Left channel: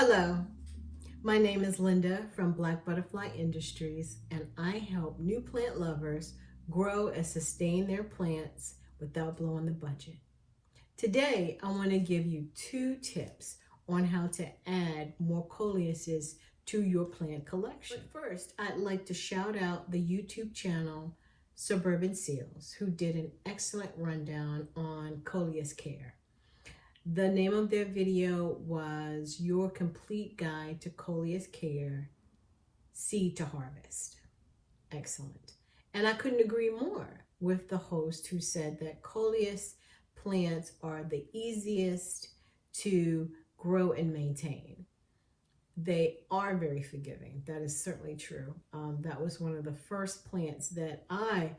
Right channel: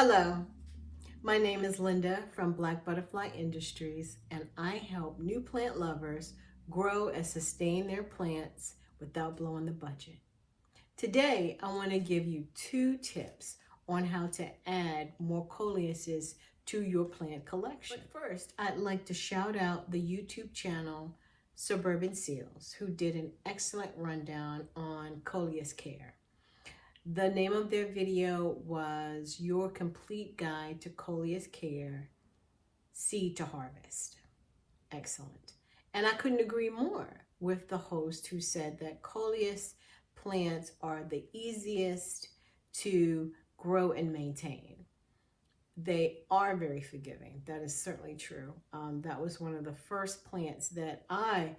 Hello, my name is Linda from Black Butterfly Industries, and I help new plant lovers grow and sustain their plants without blowing the budget. Today, I want to give you 2 tips on how to add more Coleuses to your plant collection. But first, I'd like to shout out the YouTube channel Suburban Seals, who did an excellent rundown on Coleus care. The name of their video was Your Complete Guide to Coleus Care, Seed to Harvest. Excellent. And I couldn't agree more with the host who said that Coleus plants are the easiest to grow and maintain. They are very forgiving. That is certainly true. That was one of the first plants that I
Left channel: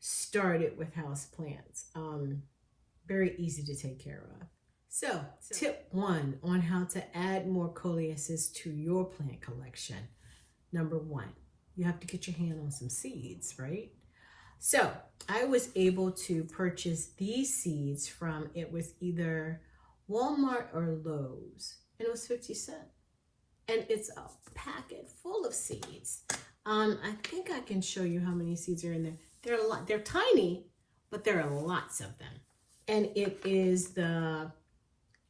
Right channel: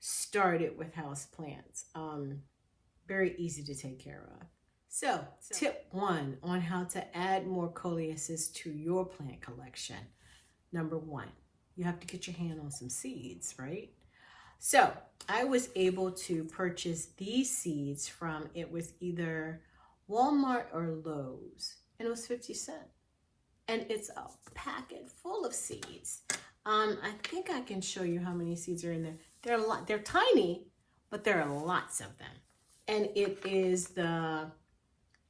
started with house plants. Very easy to take care of. So tip 1 on how to add more Coleuses to your plant collection. Number 1, you have to get your hand on some seeds, right? So I was able to purchase these seeds from, it was either Walmart or Lowe's, and it was 50 cents. And it's a packet full of seeds. I think I can show you how many seeds are in there. There are a lot. They're tiny, but there are lots of them. And it is the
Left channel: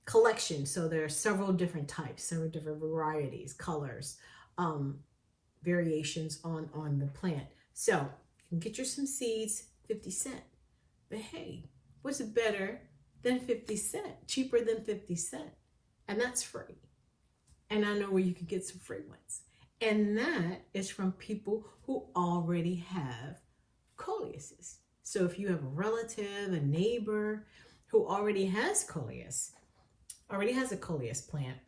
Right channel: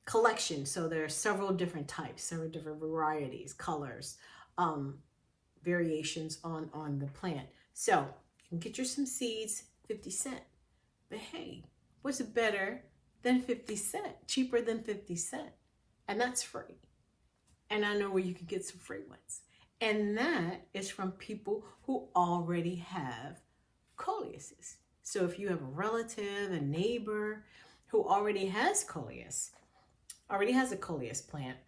collection, so there are several different types, several different varieties, colors, variations on the plant. So you can get you some seeds, 50 cents. But hey, what's better than 50 cents? Cheaper than 50 cents. And that's free. And I know where you can get some free ones. And that is from people who already have Coleuses. So if you have a relative, a neighbor who already has Coleus, already has a Coleus plant,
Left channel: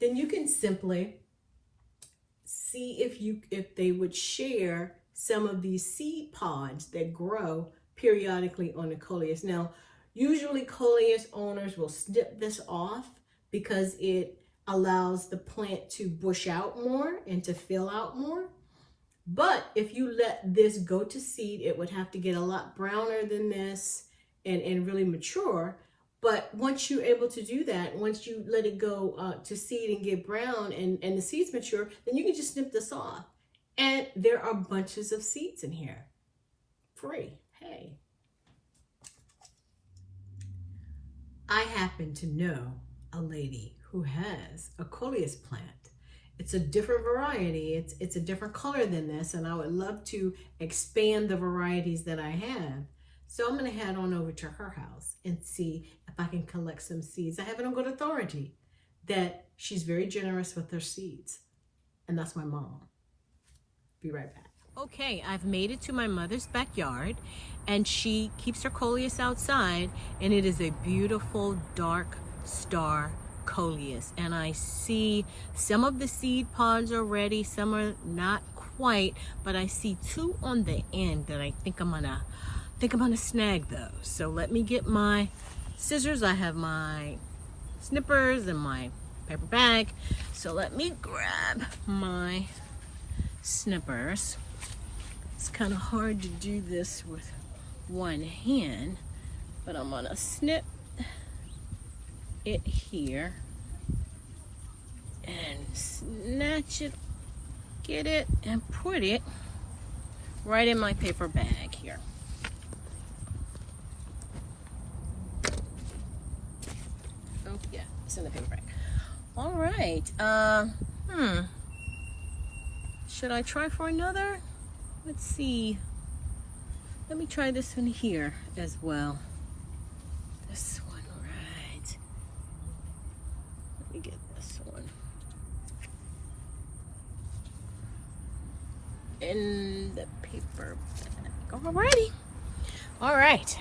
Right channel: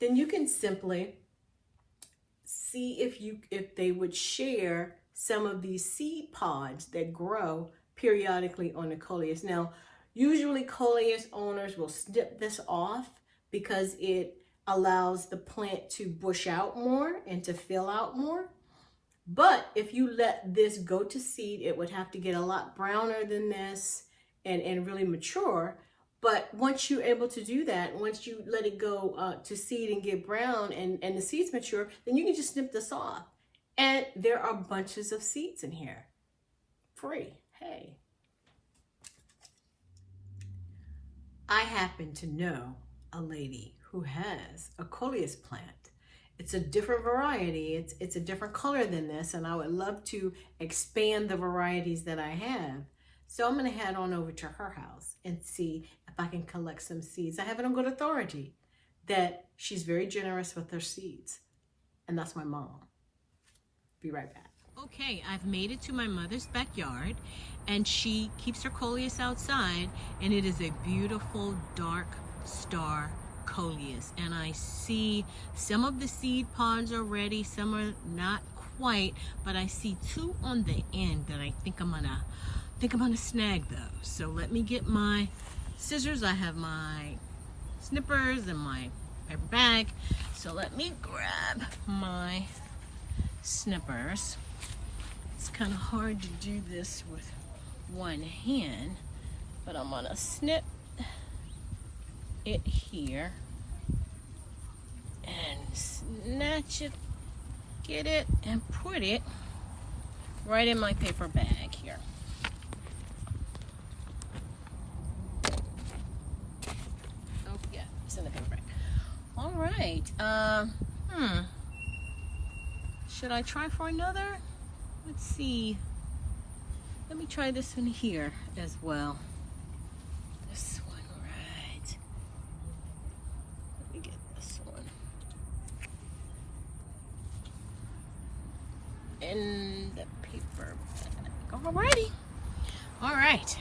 then you can simply see if they would share some of these seed pods that grow periodically on the Coleus. Now, usually Coleus owners will snip this off because it allows the plant to bush out more and to fill out more. But if you let this go to seed, it would have to get a lot browner than this and really mature. But once you're able to do that, once you let it go to seed and get brown and the seeds mature, then you can just snip this off. And there are bunches of seeds in here. Free. Hey. I happen to know a lady who has a Coleus plant. It's a different variety. It's a different color than this, and I would love to expand the varieties that I have. So I'm going to head on over to her house and see if I can collect some seeds. I have it on good authority that she's very generous with her seeds. And that's my mom. Be right back. Okay, I've made it to my mother's backyard, and she keeps her Coleus outside, and it is a beautiful dark star Coleus. And I see some of the seed pods are ready, some are not quite, but I see 2 on the end that I think I'm gonna snag those. So let me get my scissors. I have my snippers and my paper bag. So let me grab my snippers. It's kind of hard to do this with one hand, but I'm gonna snip it here and snatch it, get it, and put it right in my paper bag here. Oh yeah, it's in the paper bag. All right. Should I try for another? Let's see. Let me try this one here as well. This one, right. Let me get this one. In the paper bag. Alrighty. All right.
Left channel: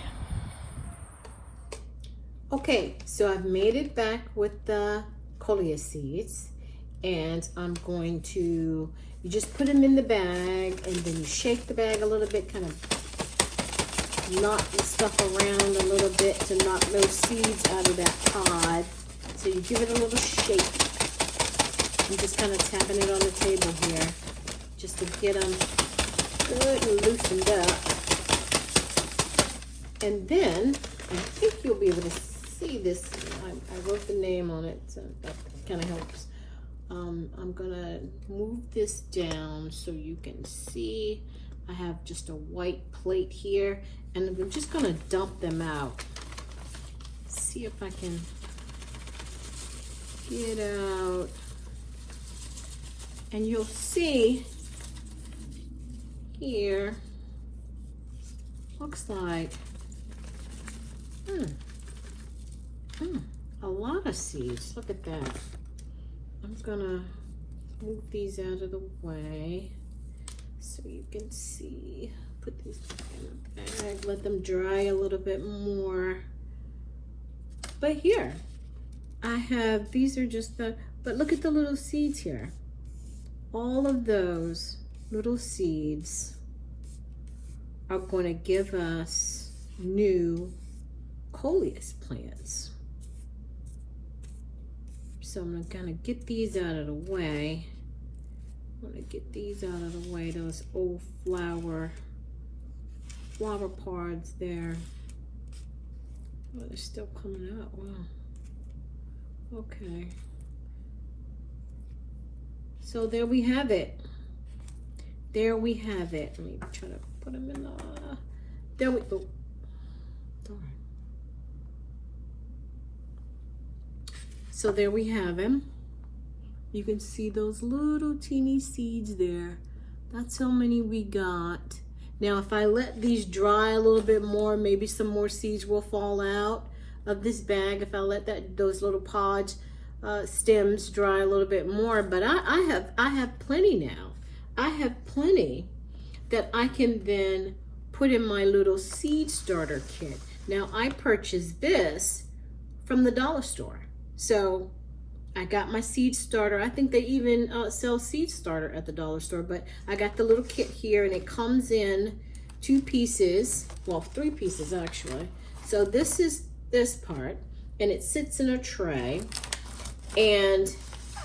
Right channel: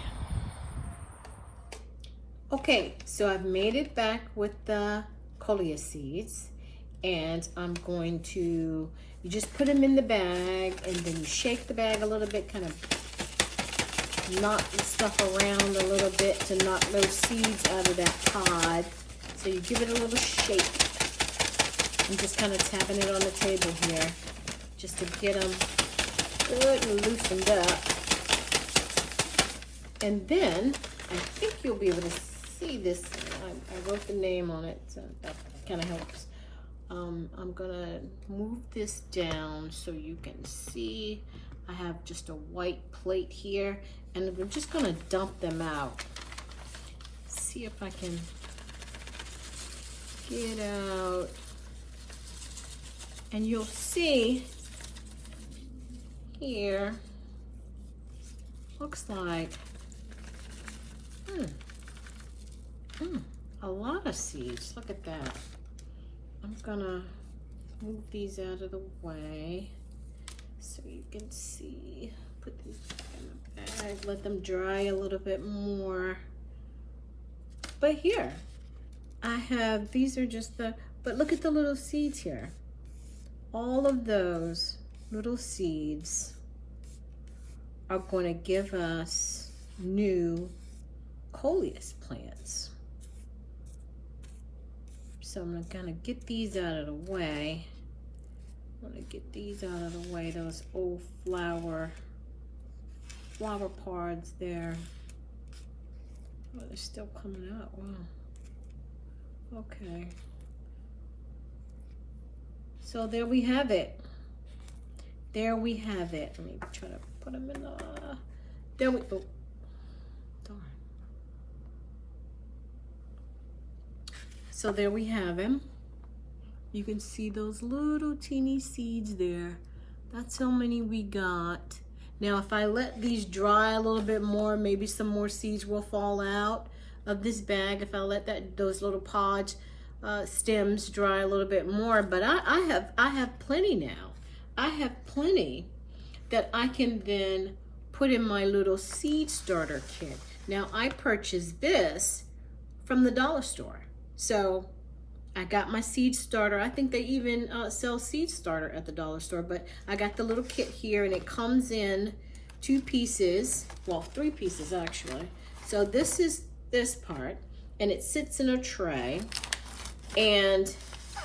Okay, so I've made it back with the Coleus seeds, and I'm going to, you just put them in the bag, and then you shake the bag a little bit, kind of knock the stuff around a little bit to knock those seeds out of that pod. So you give it a little shake. I'm just kind of tapping it on the table here, just to get them good and loosened up. And then, I think you'll be able to see this. I wrote the name on it, so that kind of helps. I'm gonna move this down so you can see. I have just a white plate here, and we're just gonna dump them out. See if I can get out. And you'll see here, looks like a lot of seeds. Look at that. I'm gonna move these out of the way so you can see. Put these in the bag, let them dry a little bit more. But here, I have, these are just the, but look at the little seeds here. All of those little seeds are going to give us new Coleus plants. So I'm gonna get these out of the way. I'm gonna get these out of the way, those old flower pods there. Oh, they're still coming out, wow. Okay. So there we have it. There we have it. Let me try to put them in the, there we go. Oh, darn. So there we have him. You can see those little teeny seeds there. That's how many we got. Now, if I let these dry a little bit more, maybe some more seeds will fall out of this bag. If I let those little pods, stems dry a little bit more. But I have plenty now. I have plenty that I can then put in my little seed starter kit. Now, I purchased this from the dollar store. So I got my seed starter. I think they even sell seed starter at the dollar store, but I got the little kit here, and it comes in 2 pieces, well, 3 pieces actually. So this is this part, and it sits in a tray, and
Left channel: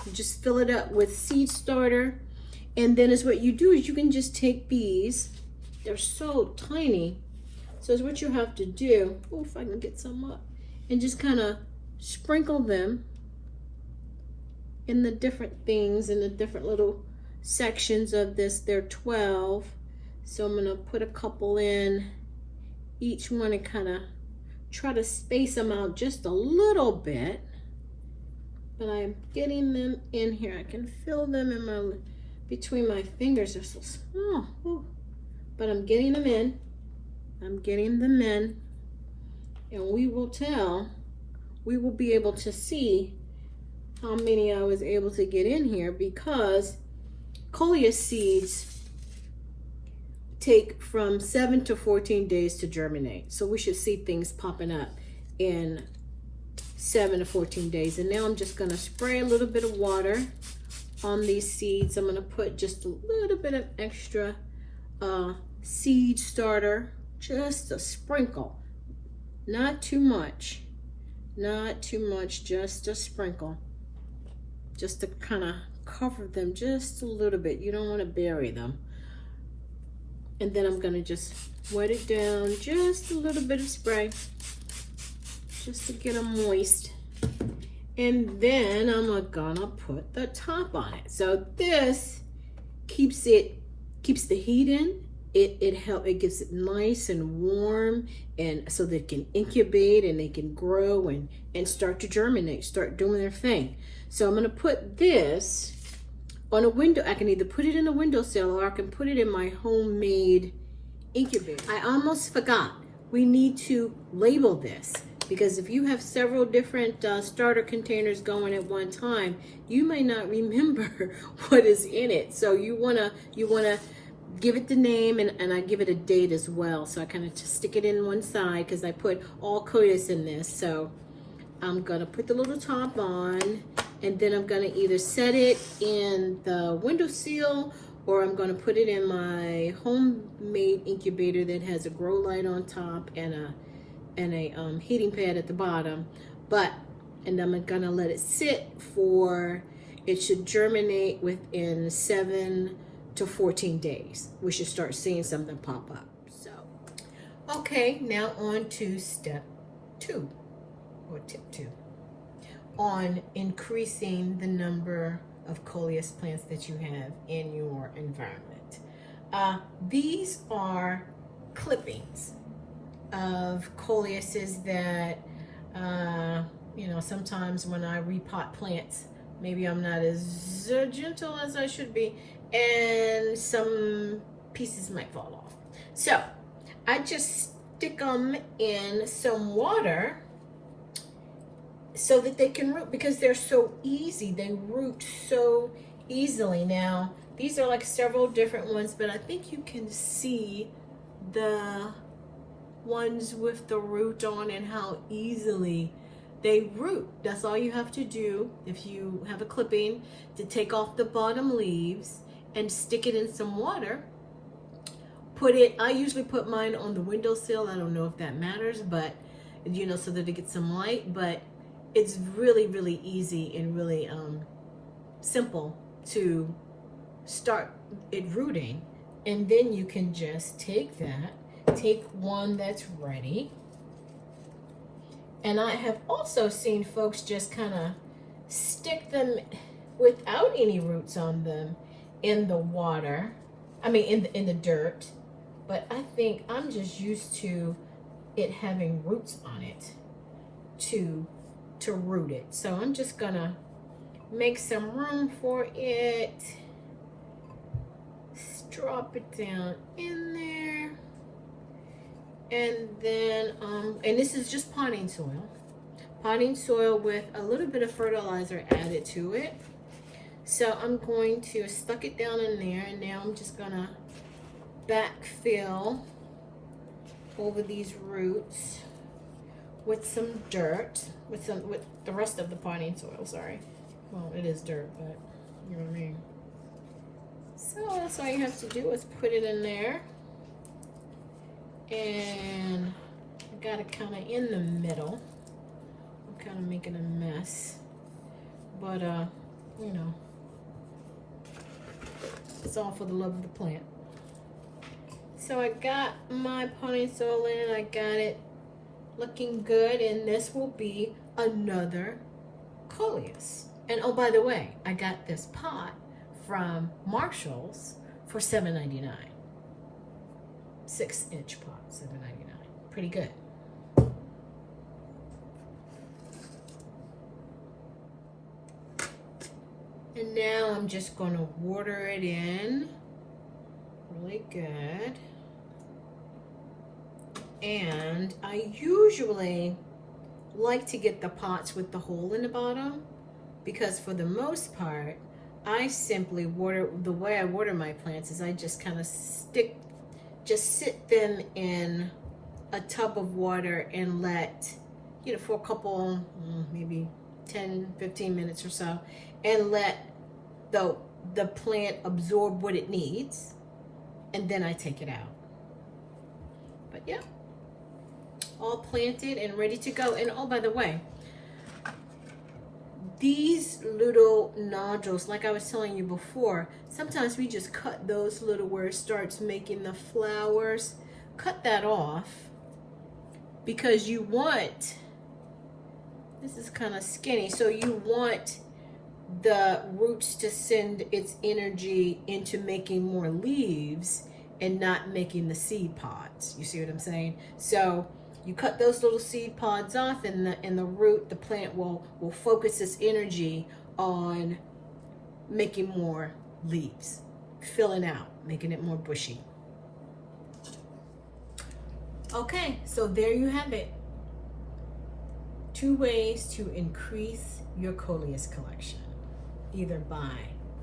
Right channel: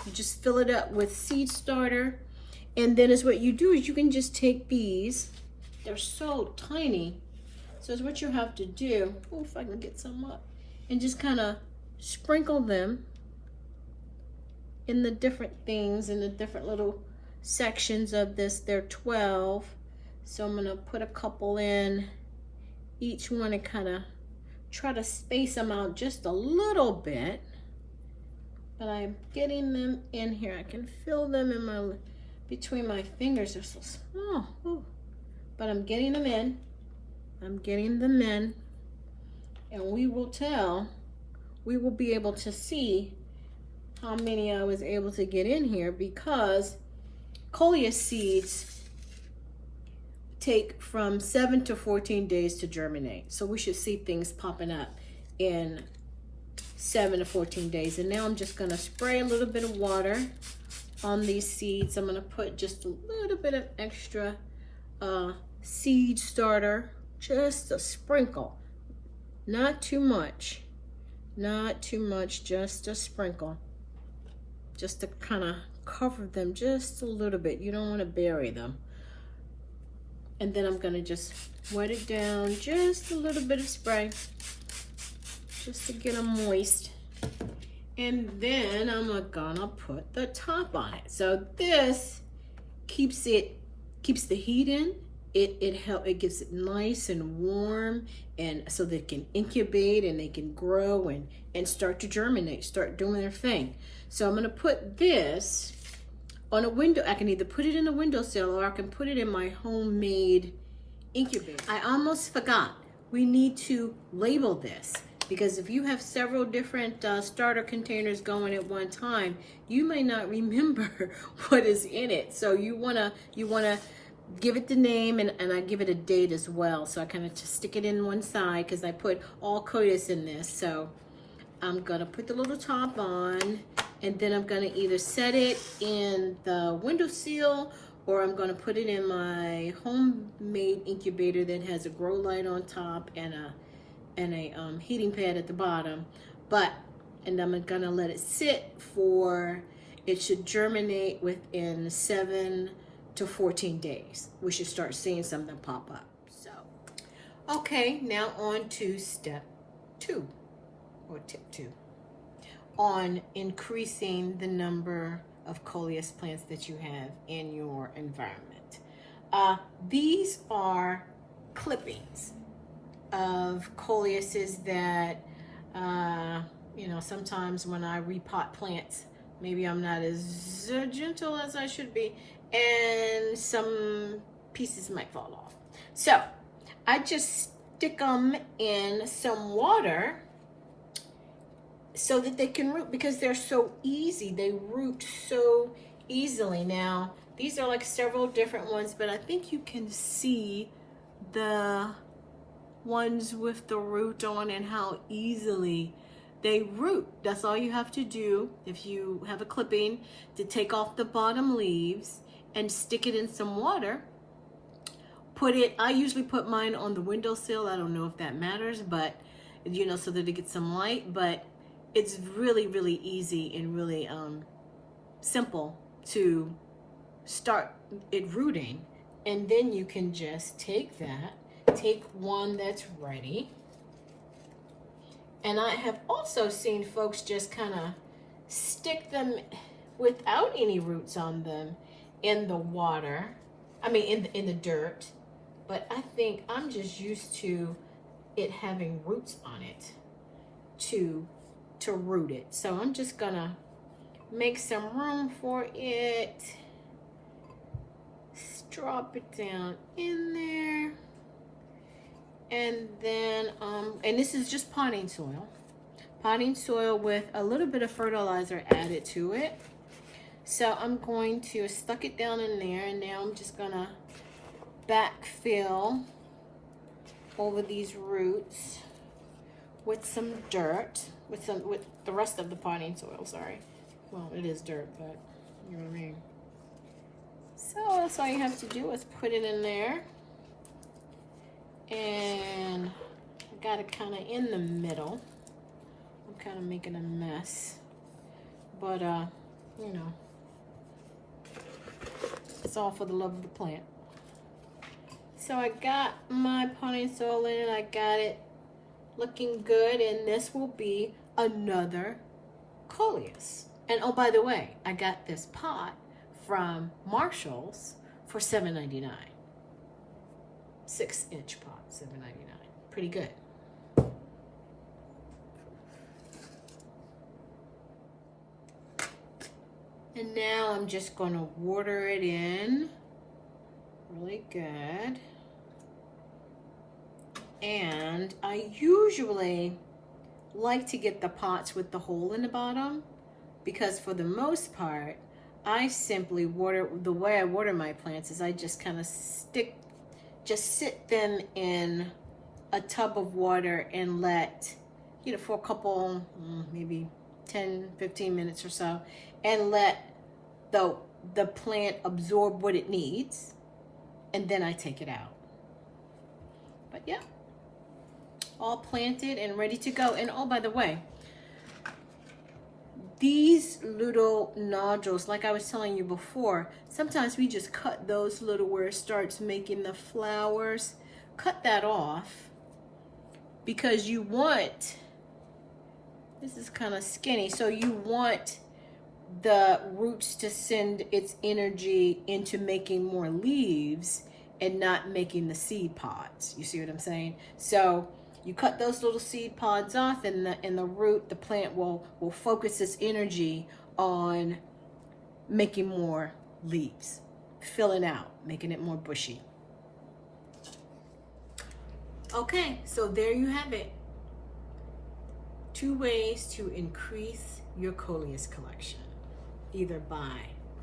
you just fill it up with seed starter. And then is what you do is you can just take these, they're so tiny. So is what you have to do, oh, if I can get some up, and just kind of sprinkle them in the different things, in the different little sections of this. They're 12. So I'm gonna put a couple in each one and kind of try to space them out just a little bit. But I'm getting them in here. I can feel them in my, between my fingers. They're so small. Ooh. But I'm getting them in. I'm getting them in. And we will tell, we will be able to see how many I was able to get in here, because Coleus seeds take from 7 to 14 days to germinate. So we should see things popping up in 7 to 14 days. And now I'm just gonna spray a little bit of water on these seeds. I'm gonna put just a little bit of extra seed starter, just a sprinkle, not too much. Not too much, just a sprinkle. Just to kind of cover them just a little bit. You don't want to bury them. And then I'm going to just wet it down, just a little bit of spray, just to get them moist. And then I'm gonna put the top on it. So this keeps the heat in. It gives it nice and warm, and so they can incubate and they can grow and start to germinate, start doing their thing. So I'm gonna put this on a window. I can either put it in a windowsill or I can put it in my homemade incubator. I almost forgot. We need to label this, because if you have several different starter containers going at one time, you may not remember what is in it. So you wanna give it the name, and I give it a date as well. So I kind of just stick it in one side because I put all Coleus in this. So I'm gonna put the little top on, and then I'm gonna either set it in the windowsill, or I'm gonna put it in my homemade incubator that has a grow light on top and a heating pad at the bottom. And I'm gonna let it sit for, it should germinate within 7 to 14 days. We should start seeing something pop up. So, okay, now on to step 2, or tip 2, on increasing the number of Coleus plants that you have in your environment. These are clippings of Coleuses that, you know, sometimes when I repot plants, maybe I'm not as gentle as I should be, and some pieces might fall off. So I just stick them in some water so that they can root, because they're so easy. They root so easily. Now, these are like several different ones, but I think you can see the ones with the root on and how easily they root. That's all you have to do if you have a clipping, to take off the bottom leaves and stick it in some water. Put it, I usually put mine on the windowsill. I don't know if that matters, but you know, so that it gets some light. But it's really, really easy and really simple to start it rooting. And then you can just take that, take one that's ready. And I have also seen folks just kind of stick them without any roots on them in the water. I mean, in the dirt. But I think I'm just used to it having roots on it to root it. So I'm just gonna make some room for it. Drop it down in there. And then, and this is just potting soil with a little bit of fertilizer added to it. So I'm going to stuck it down in there, and now I'm just gonna backfill over these roots with some dirt, with the rest of the potting soil, sorry. Well, it is dirt, but you know what I mean. So that's all you have to do is put it in there. And I got it kind of in the middle. I'm kind of making a mess, but you know, it's all for the love of the plant. So I got my potting soil in, I got it looking good, and this will be another Coleus. And oh, by the way, I got this pot from Marshall's for $7.99. 6-inch pot, $7.99. Pretty good. And now I'm just going to water it in really good. And I usually like to get the pots with the hole in the bottom, because for the most part, I simply water, the way I water my plants is I just kind of sit them in a tub of water and let, you know, for a couple, maybe 10, 15 minutes or so, and let the plant absorb what it needs, and then I take it out. But yeah, all planted and ready to go. And oh, by the way, these little nodules, like I was telling you before, sometimes we just cut those little, where it starts making the flowers, cut that off, because you want, this is kind of skinny, so you want the roots to send its energy into making more leaves and not making the seed pods. You see what I'm saying? So you cut those little seed pods off, and the root, the plant will focus its energy on making more leaves, filling out, making it more bushy. Okay, so there you have it. 2 ways to increase your Coleus collection. Either by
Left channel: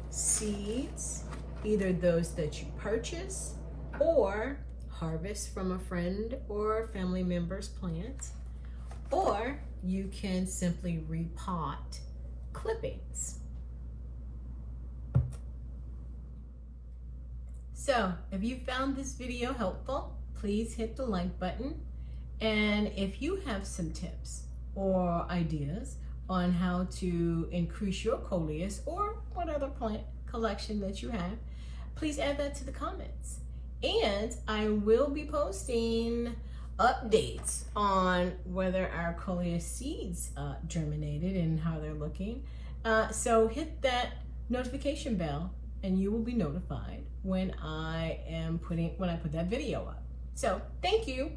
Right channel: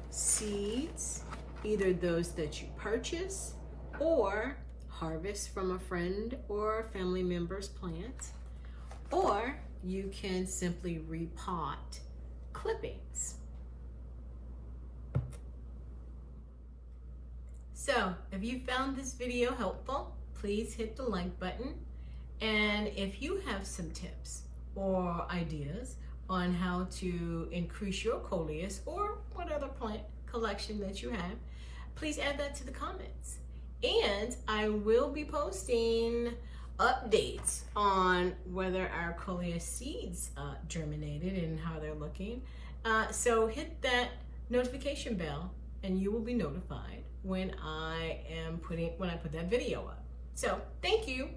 seeds, either those that you purchase, or harvest from a friend or family member's plant, or you can simply repot clippings. So if you found this video helpful, please hit the like button. And if you have some tips or ideas on how to increase your Coleus or what other plant collection that you have, please add that to the comments. And I will be posting updates on whether our Coleus seeds germinated and how they're looking. So hit that notification bell and you will be notified when I put that video up. So thank you.